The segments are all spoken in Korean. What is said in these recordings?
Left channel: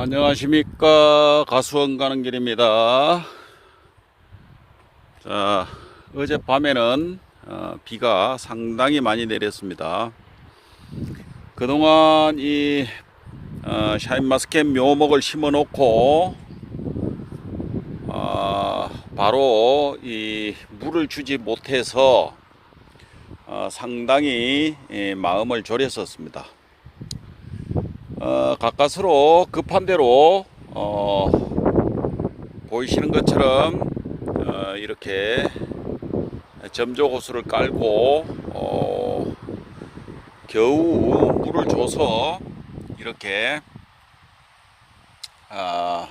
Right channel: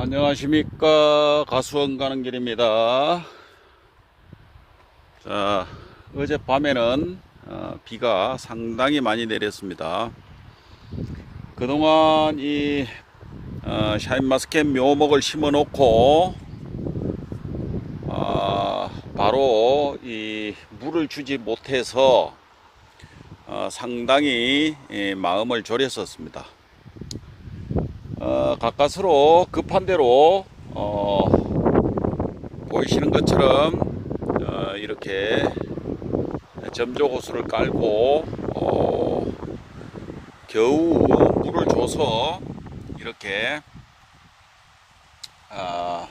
안녕하십니까. 가수원 가는 길입니다. 자 어젯밤에는 어, 비가 상당히 많이 내렸습니다. 그동안 이 어, 샤인마스켓 묘목을 심어 놓고 아, 바로 이 물을 주지 못해서 어, 상당히 예, 마음을 졸였었습니다 어, 가까스로 급한 대로 어, 보이시는 것처럼 어, 이렇게 점조 호수를 깔고 어, 겨우 물을 줘서 이렇게 아,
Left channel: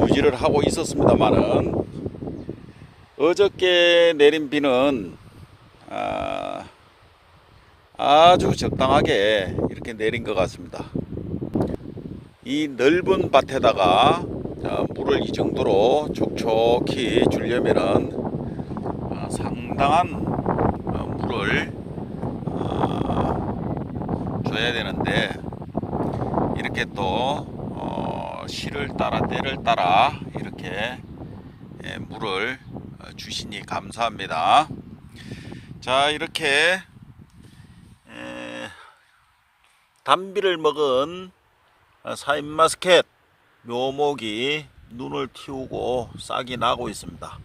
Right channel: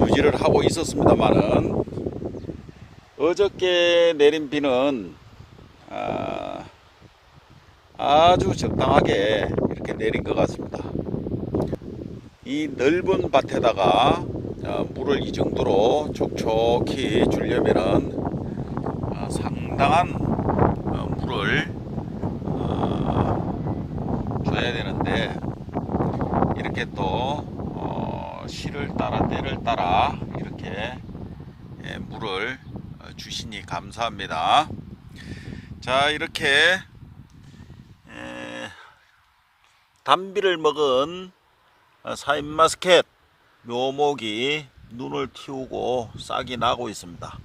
유지를 하고 있었습니다만은 어저께 내린 비는 아, 아주 적당하게 이렇게 내린 것 같습니다. 이 넓은 밭에다가 어, 물을 이 정도로 촉촉히 주려면은 어, 상당한 어, 물을 어, 줘야 되는데 이렇게 또 어, 시를 따라 때를 따라 이렇게 예, 물을 어, 주시니 감사합니다. 자 이렇게 에, 단비를 먹은 사인마스켓 묘목이 눈을 틔우고 싹이 나고 있습니다.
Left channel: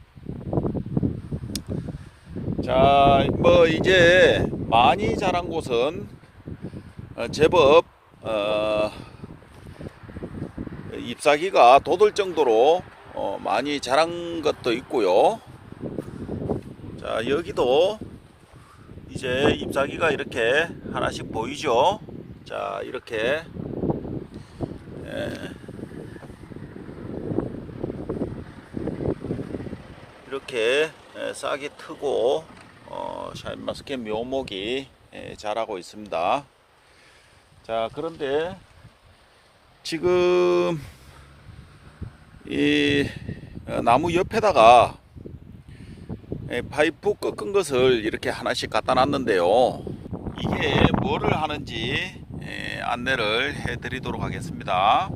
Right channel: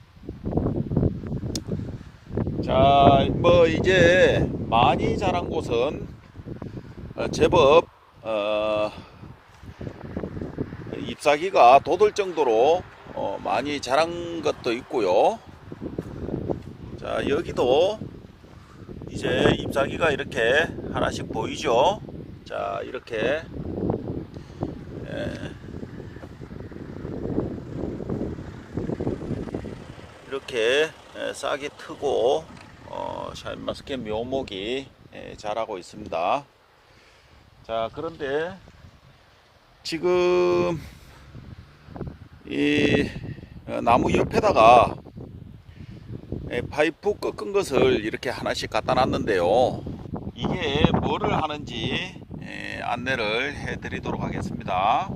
자, 뭐 이제 많이 자란 곳은 어, 제법 어, 잎사귀가 돋을 정도로 어, 많이 자란 것도 있고요. 자, 여기도 이제 잎사귀가 이렇게 하나씩 보이죠? 자, 이렇게 예. 이렇게 예, 싹이 트고 어, 샤인마스켓 묘목이 예, 자라고 있습니다. 자, 그런데 지금 이 어, 나무 옆에다가 예, 파이프 꺾은 것을 이렇게 하나씩 갖다 놨는데요. 이게 뭐를 하는지 예, 안내를 해 드리도록 하겠습니다.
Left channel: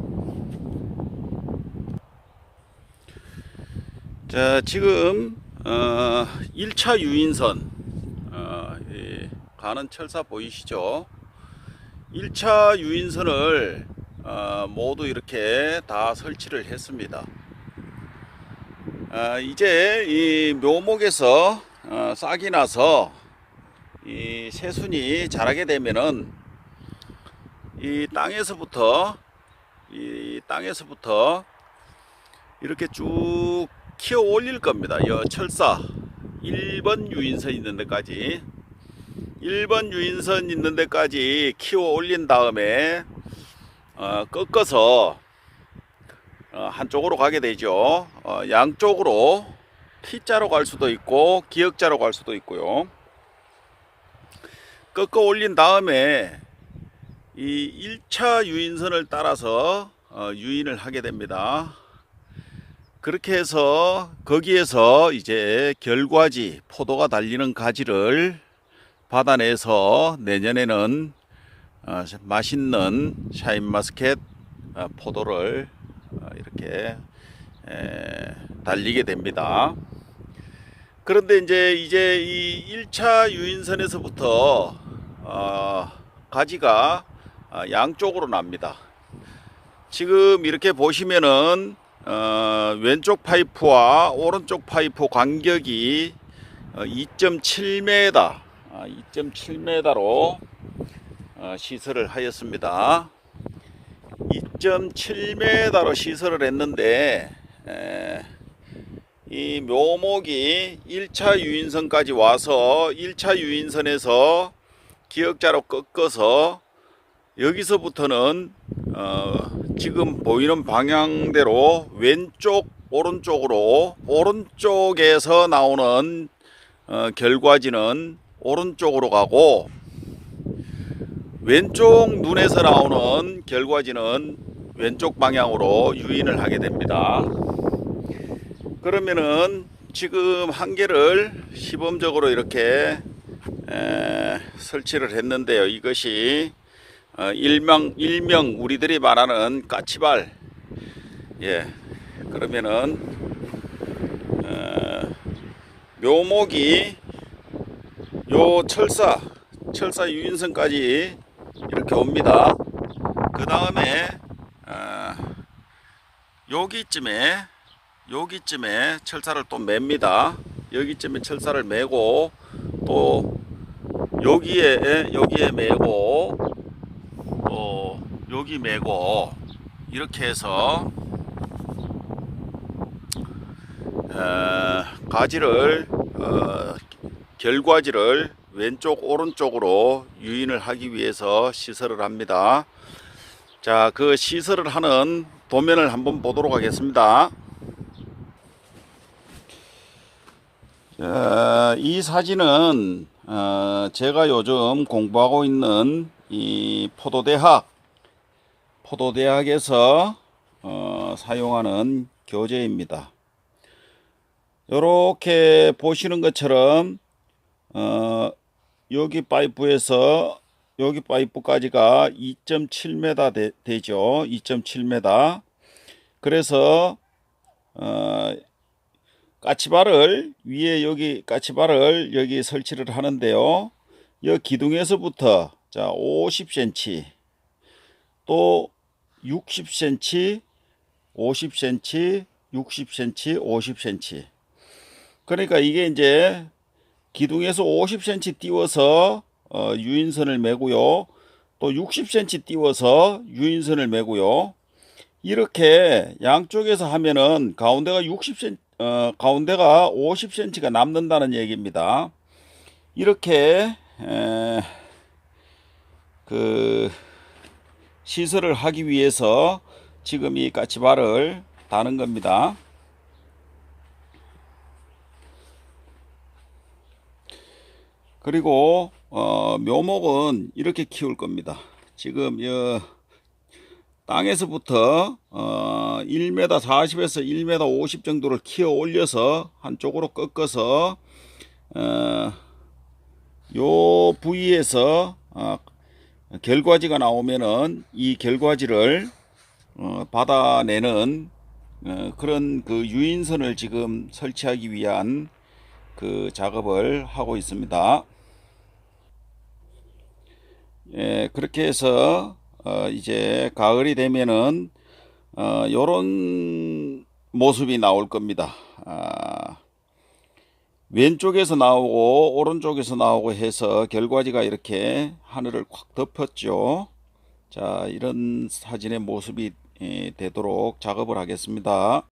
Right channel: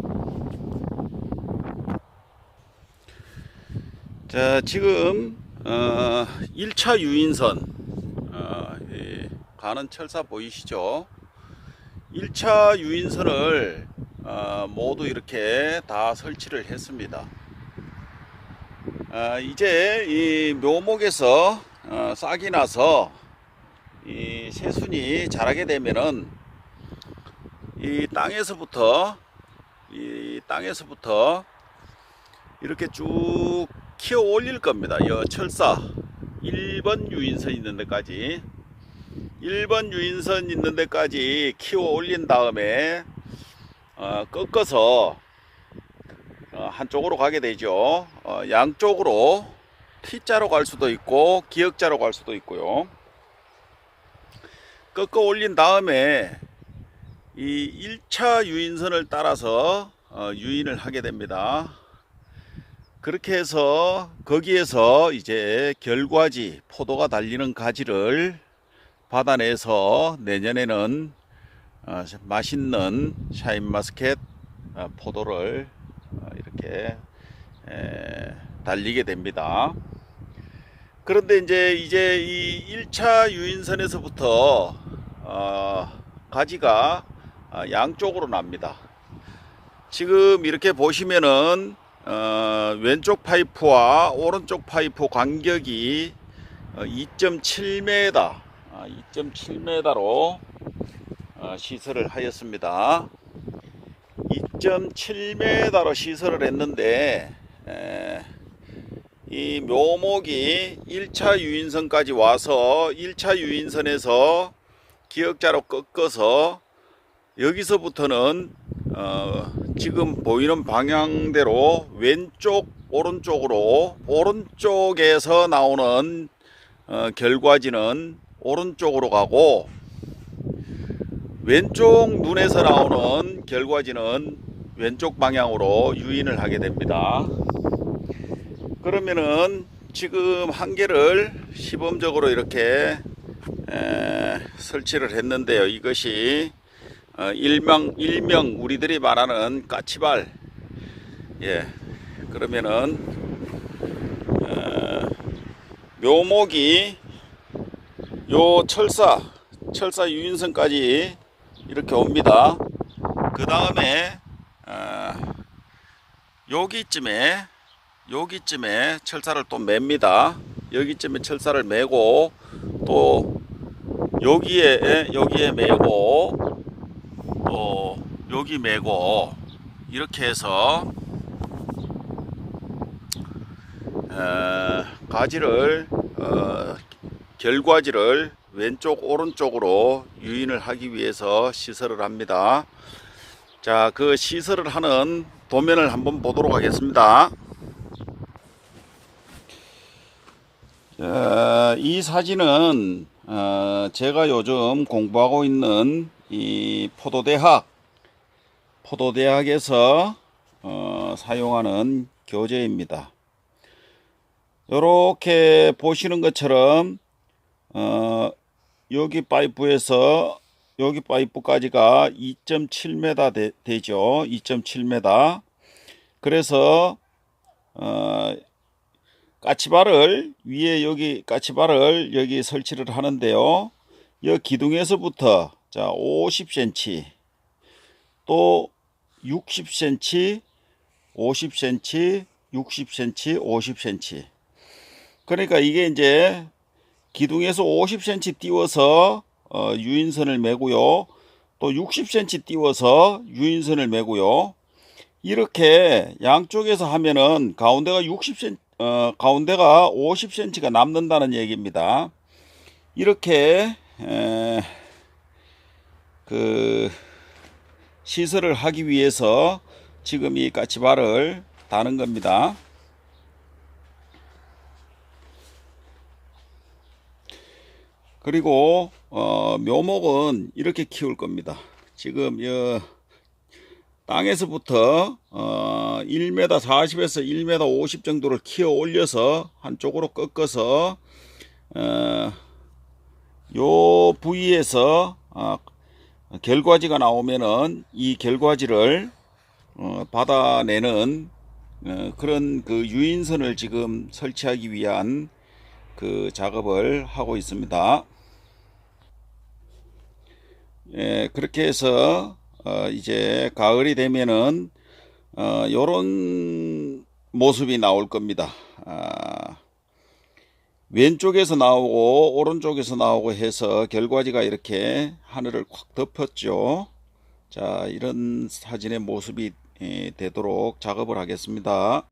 자, 지금 어, 1차 유인선 어, 이 가는 철사 보이시죠? 1차 유인선을 어, 모두 이렇게 다 설치를 했습니다. 아, 이제 이 묘목에서 어, 싹이 나서 이 새순이 자라게 되면은 이 땅에서부터 이 땅에서부터 이렇게 쭉 키워 올릴 겁니다. 이 철사 1번 유인선 있는 데까지 1번 유인선 있는 데까지 키워 올린 다음에 어, 꺾어서 어, 한쪽으로 가게 되죠. 어, 양쪽으로 T자로 갈 수도 있고 기역자로 갈 수도 있고요. 꺾어 올린 다음에 이 1차 유인선을 따라서 어, 유인을 하게 됩니다. 그렇게 해서 거기에서 이제 결과지 포도가 달리는 가지를 받아내서 내년에는 어, 맛있는 샤인마스켓 어, 포도를 어, 이렇게 에, 달리게 됩니다. 그런데 이제 이제 이 1차 유인선에서부터 어, 가지가 아, 양쪽으로 납니다. 지금 이렇게 보시면은 어, 왼쪽 파이프와 오른쪽 파이프 간격이 어, 2.7m, 아, 2.7m로 어, 시설을 하였습니다. 2.7m로 시설을 했는데 에, 이 묘목이 1차 유인선까지 와서 1차 유인선에서 기역자로 꺾어서 여기서부터는 어, 지금 보이는 방향대로 왼쪽 오른쪽으로 오른쪽에서 나오는 어, 결과지는 오른쪽으로 가고 왼쪽 눈에서 나오는 결과지는 왼쪽 방향으로 유인을 하게 됩니다. 그러면은 지금 한 개를 시범적으로 이렇게 에, 설치를 했는데요. 이것이 어, 일명 일명 우리들이 말하는 까치발. 예 그러면은 어, 묘목이 요 철사 철사 유인선까지 이렇게 옵니다. 그 다음에 어, 여기쯤에 여기쯤에 철사를 또 맵니다. 여기쯤에 철사를 매고 또 여기에 여기에 매고 또 여기 매고 이렇게 해서 어, 가지를 어, 결과지를 왼쪽 오른쪽으로 유인을 하기 위해서 시설을 합니다. 자, 그 시설을 하는 도면을 한번 보도록 하겠습니다. 자, 이 사진은 어, 제가 요즘 공부하고 있는 이 포도대학 포도대학에서 어, 사용하는 교재입니다. 이렇게 보시는 것처럼 어, 여기 파이프에서 여기 파이프까지가 2.7m 되, 되죠. 2.7m. 그래서 어, 까치발을 위에 여기 까치발을 여기 설치를 하는데요. 이 기둥에서부터 자 50cm 또 60cm 50cm 60cm 50cm 그러니까 이게 이제 기둥에서 50cm 띄워서 어, 유인선을 매고요. 또 60cm 띄워서 유인선을 매고요. 이렇게 양쪽에서 하면은 가운데가 60cm 어, 가운데가 50cm가 남는다는 얘기입니다. 이렇게 에, 그 시설을 하기 위해서 지금 이 까치발을 다는 겁니다. 그리고 어, 묘목은 이렇게 키울 겁니다. 지금 여 땅에서부터 어, 1m 40에서 1m 50 정도를 키워 올려서 한쪽으로 꺾어서 어, 요 부위에서 어, 결과지가 나오면은 이 결과지를 어, 받아내는 어, 그런 그 유인선을 지금 설치하기 위한 그 작업을 하고 있습니다. 예, 그렇게 해서 어, 이제 가을이 되면은 어, 요런 모습이 나올 겁니다. 아, 왼쪽에서 나오고 오른쪽에서 나오고 해서 결과지가 이렇게 하늘을 콱 덮었죠. 자, 이런 사진의 모습이 예, 되도록 작업을 하겠습니다.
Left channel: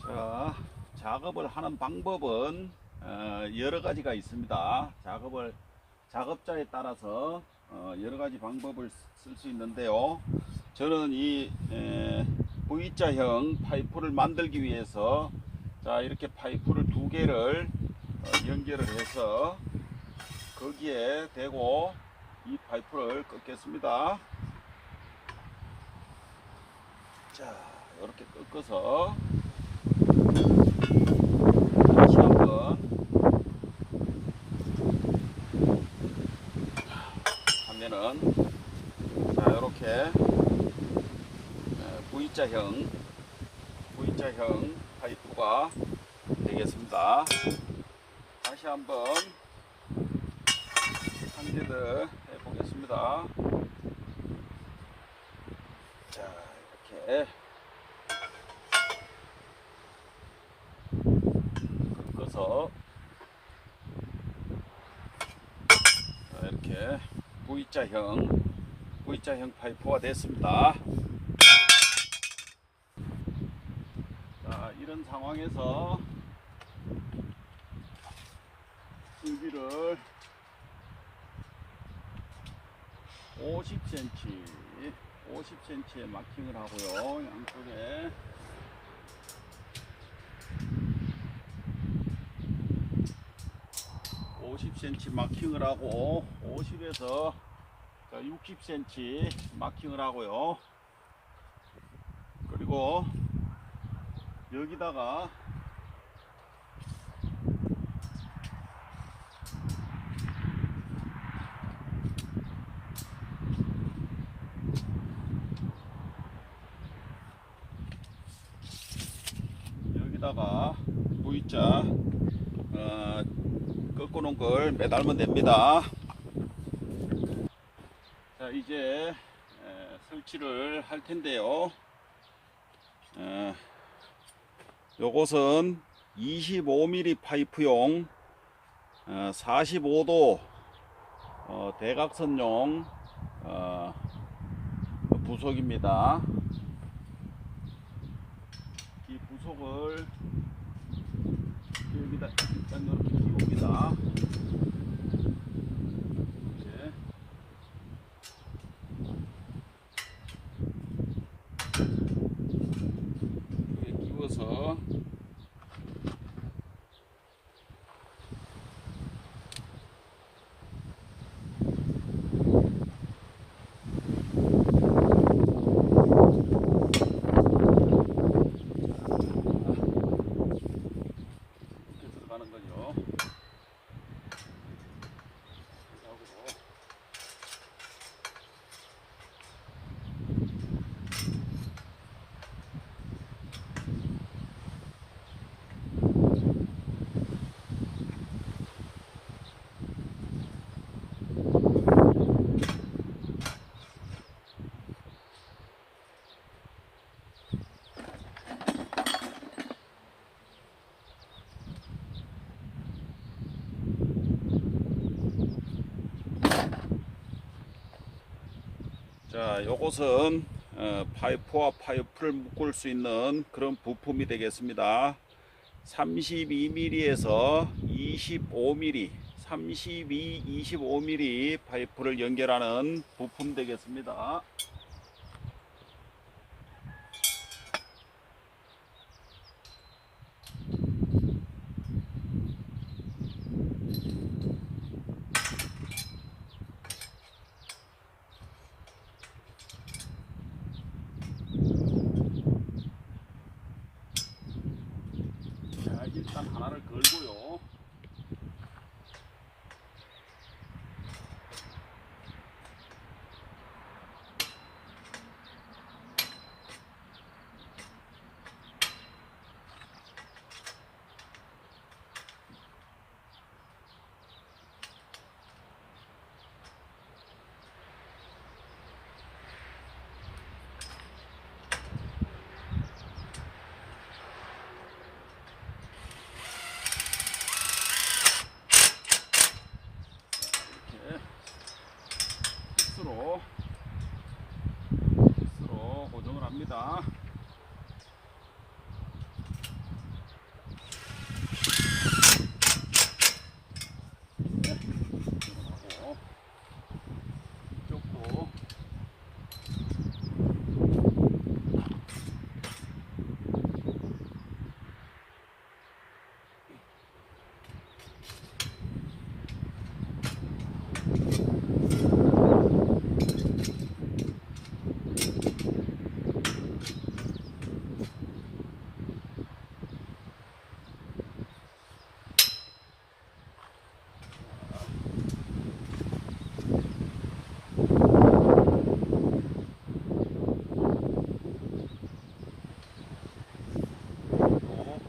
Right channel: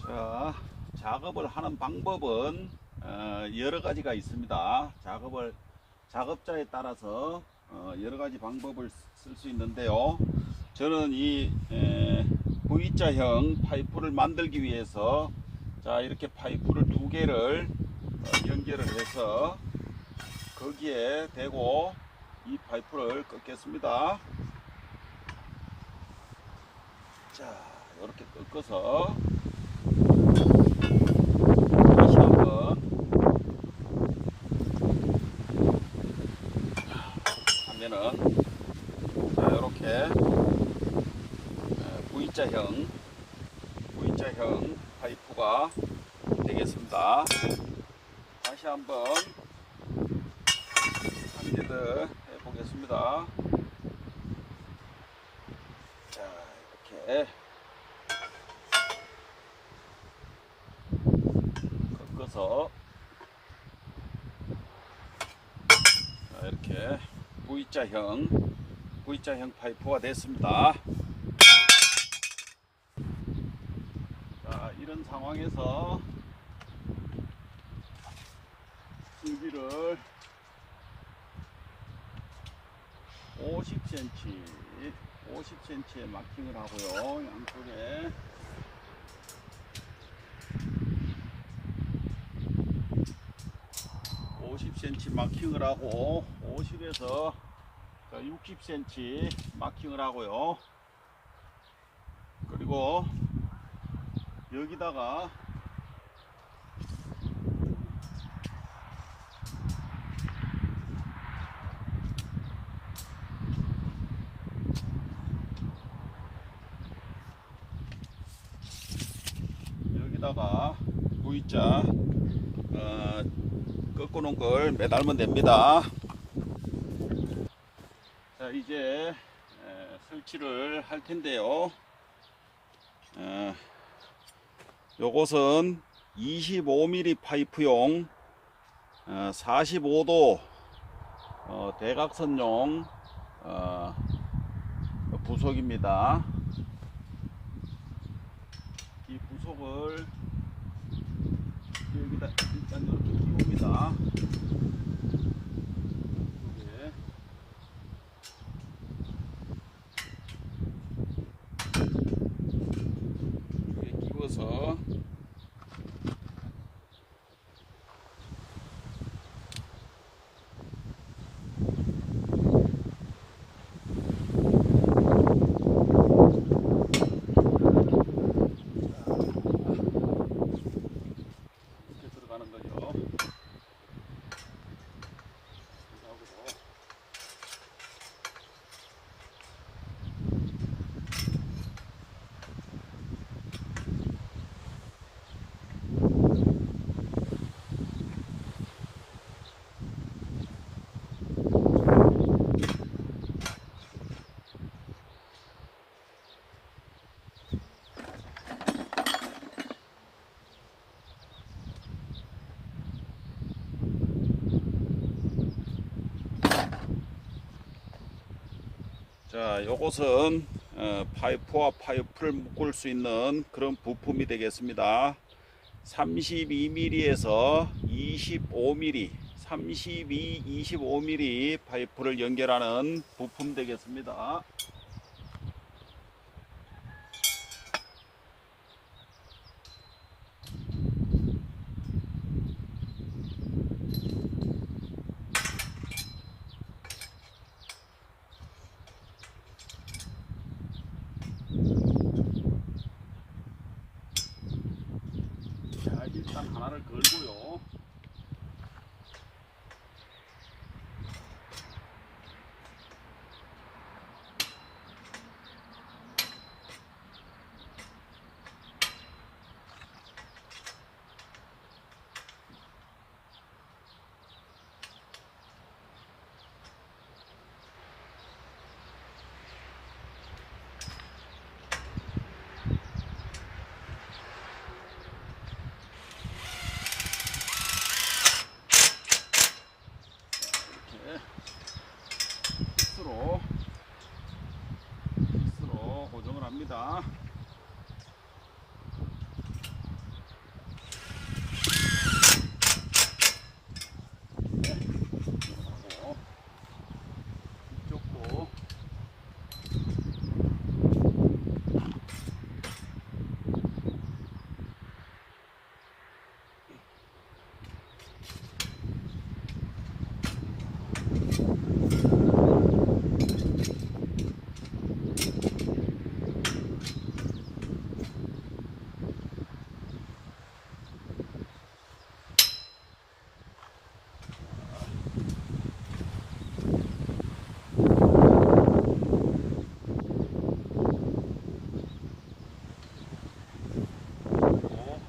자, 작업을 하는 방법은 어, 여러 가지가 있습니다. 작업을 작업자에 따라서 어, 여러 가지 방법을 쓸 수 있는데요. 저는 이 에, V자형 파이프를 만들기 위해서 자 이렇게 파이프를 두 개를 어, 연결을 해서 거기에 대고 이 파이프를 꺾겠습니다. 자 이렇게 꺾어서 다시 한번 하면은 이렇게 V자형 V자형 파이프가 되겠습니다. 다시 한번 한개더 해보겠습니다. 자 이렇게 꺾어서 자, 이렇게 V자형 V자형 파이프가 됐습니다. 자, 이런 상황에서 줄기를 50cm, 50cm에 마킹을 하고요. 양쪽에 오십 m 마킹을 하고 50에서 60cm 마킹을 하고요. 그리고 여기다가 여기다가 V자 어, 꺾어 놓은 걸 매달면 됩니다. 자 이제 에, 설치를 할 텐데요. 어, 요것은 25mm 파이프용 어, 45도 어, 대각선용 어, 부속입니다. 이 부속을 여기다 일단 이렇게 끼웁니다. 네. 이렇게 끼워서 이렇게 들어가는 거죠. 하고 자, 요것은 어, 파이프와 파이프를 묶을 수 있는 그런 부품이 되겠습니다. 32mm에서 25mm, 32, 25mm 파이프를 연결하는 부품 되겠습니다. 자, 일단 하나를 걸고요. 이렇게 픽스로 픽스로 고정을 합니다. 네, 고정하고 이쪽도 또 또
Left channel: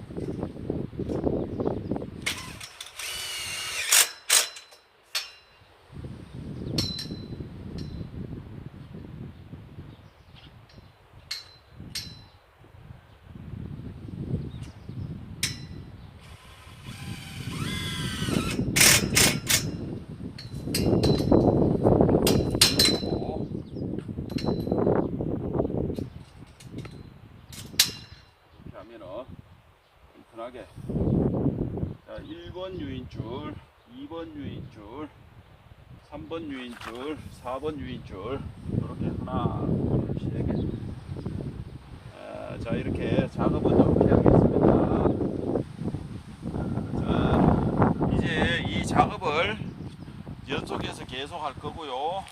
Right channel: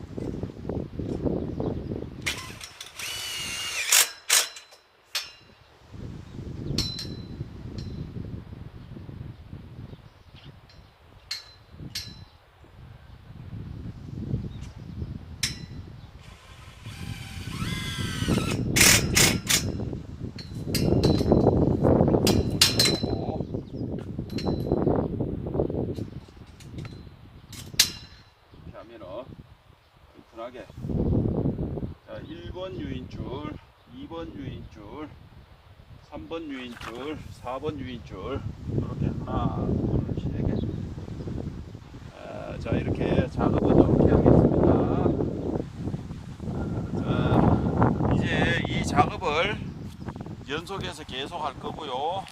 이렇게 하면은 튼튼하게 자, 1번 유인줄 2번 유인줄 3번 유인줄 4번 유인줄 이렇게 하나 둘셋개 아, 자 이렇게 작업을 이렇게 하겠습니다 자, 이제 이 작업을 연속해서 계속 할 거고요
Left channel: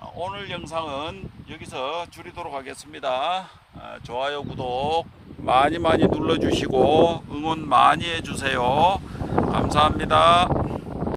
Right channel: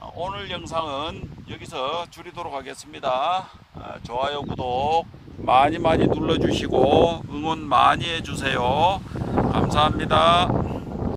아, 오늘 영상은 여기서 줄이도록 하겠습니다. 아, 좋아요, 구독 많이 많이 눌러주시고 응원 많이 해주세요. 감사합니다.